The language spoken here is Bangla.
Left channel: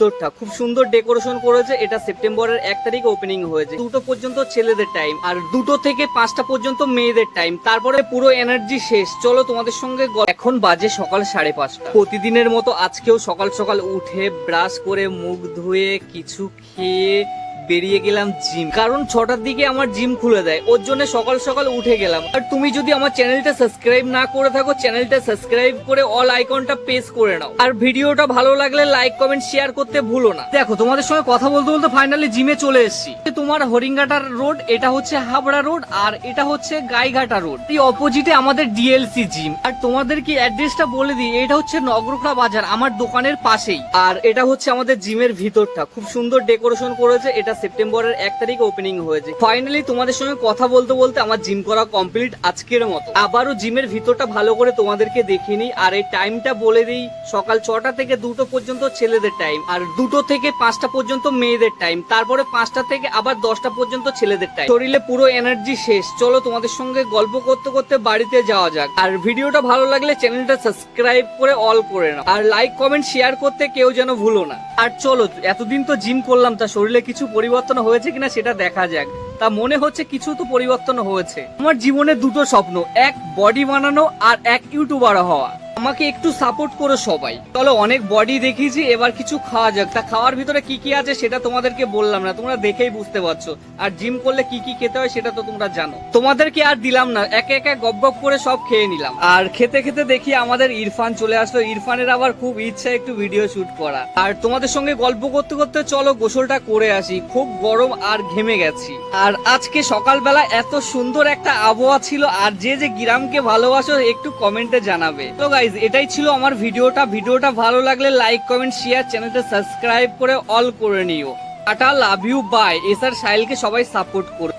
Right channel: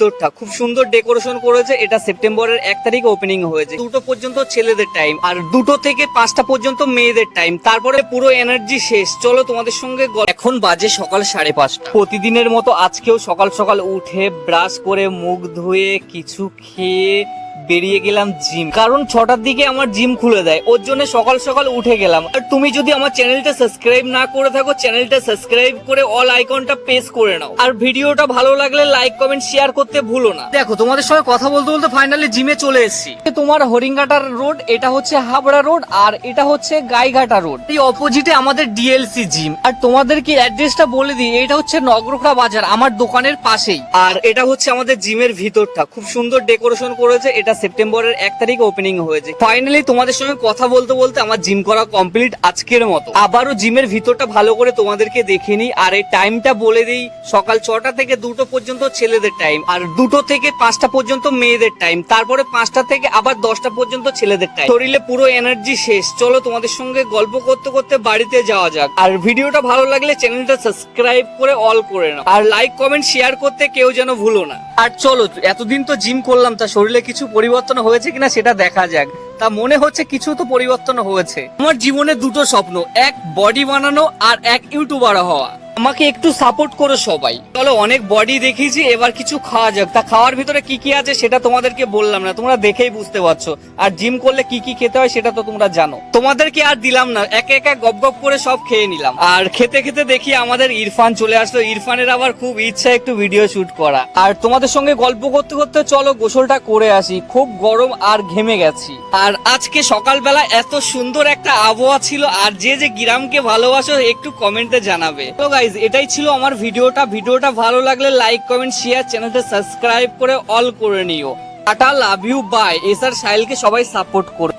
তোরটা খুব সুন্দর ডেকোরেশন করেছে। এটা সেপ্টেম্বরের 1 তারিখে ওপেনিং হয়েছে। 2টো পর্যন্ত ছেলেদের টাইম আর 2টো থেকে 5টা পর্যন্ত মেয়েদের টাইম। তারপরে পুরো এনার্জি শেষ। চলো তোমাদের সঙ্গে এখন বাজে সকাল 5:30। প্রতিদিনের মতো আজকেও সকাল সকাল উঠে ব্রাশ করে মুখ ধুয়ে কিছু খেয়ে বেরিয়ে গেলাম জিম, কারণ 6টার দিকে আমার জিম খুলে দেয়। ওর জন্য সকাল সকাল উঠে গেলাম। আর তুমি যদি আমার চ্যানেলটা সাবস্ক্রাইব না করে থাকো, চ্যানেলটা সাবস্ক্রাইব করে অল আইকনটা প্রেস করে নাও। আর ভিডিওটা ভালো লাগলে লাইক কমেন্ট শেয়ার করতে ভুলো না। দেখো তোমাদের সঙ্গে কথা বলতে বলতে ফাইনালি জিমে চলে এসেছি। তোমার হরিঙ্গাটার রোড, এটা হচ্ছে হাবড়া রোড, আর এটা হচ্ছে গাইঘাটা রোড। এই অপোজিটে আমাদের ডিএলসি জিম। আর তোমাদেরকে অ্যাড্রেসটা বলে দিই, এটা হচ্ছে নগরখা বাজার, আমার দোকানের পাশেই। আর এটা হচ্ছে আমাদের জিমের ভিতরটা, খুব সুন্দর ডেকোরেশন করেছে। এটা সেপ্টেম্বরের 1 তারিখে ওপেনিং হয়েছে। ফাইনালি তোমাদের সঙ্গে কথা বলতে বলতে আমার জিম করা কমপ্লিট আজকের মতো। আবারও জিমের ভিতরটা ভালো করে তোমাদেরকে দেখে নিই। আর এই টাইমটা বলে দিই, সকাল 6টা থেকে 2টো পর্যন্ত ছেলেদের টাইম আর 2টো থেকে 5টা পর্যন্ত মেয়েদের টাইম। তারপরে 5টা থেকে আবার 10টা পর্যন্ত ছেলেদের টাইম। শরীরে পুরো এনার্জি শেষ। চলো তোমাদের সঙ্গে গল্প করতে করতে বাড়িতে যাওয়া যাক। আর ভিডিওটা ভালো লাগলে চ্যানেলটা সাবস্ক্রাইব করে অল করে নাও। আর লাইক কমেন্ট শেয়ার করতে কেউ যেন ভুলো না। আর চলো, এতদিন তো জিম করলাম, তা শরীরে কিছু পরিবর্তন হয়েছে কিনা সেটা দেখা যাক। তা মনে হচ্ছে কিছু তো পরিবর্তন হয়েছে। আমার জীবনে 2টো স্বপ্ন, এক বডি বানানো আর এক ইউটিউবার হওয়া। আমাকে একটু সাপোর্ট করো সবাই। চলো, অনেক বডি দেখিয়েছি, এবার কিছু খাওয়া যাক। তা খাওয়ার ভিতরে কি কি আছে সেটা তোমাদেরকে বললাম না, তোমরা দেখেই বুঝতে পারছো। আর জিম করলে কি কি খেতে হয় সেটা তো তোমরা জানো। তোমাদেরকে আর দিলাম না, একে একে গপ গপ করে সব খেয়ে নিলাম। আর খেতে খেতে দেখি আমাদের ইরফান চলে আসলো। ইরফানের আবার খুব ইচ্ছা একটু ভিডিও শুট করা। আর তোমাদের সঙ্গে গল্প করতে করতে চলো গোসলটা করে আসি, খুব গরম আর ঘেমে গেছি। আর আজকে সকালবেলা এত সুন্দর একটা আবহাওয়া ছিল। আর যে যে গ্রামকে ভালোবাসো একটু কমেন্টে জানাবে। তো গাইজ, এটাই ছিল আমার ভিডিওটা ভালো লাগলে লাইক কমেন্ট শেয়ার, চ্যানেলটা সাবস্ক্রাইব করে অল করে নিও। Tata, love you, bye. SR সাহিলকে সবাই সাপোর্ট করো।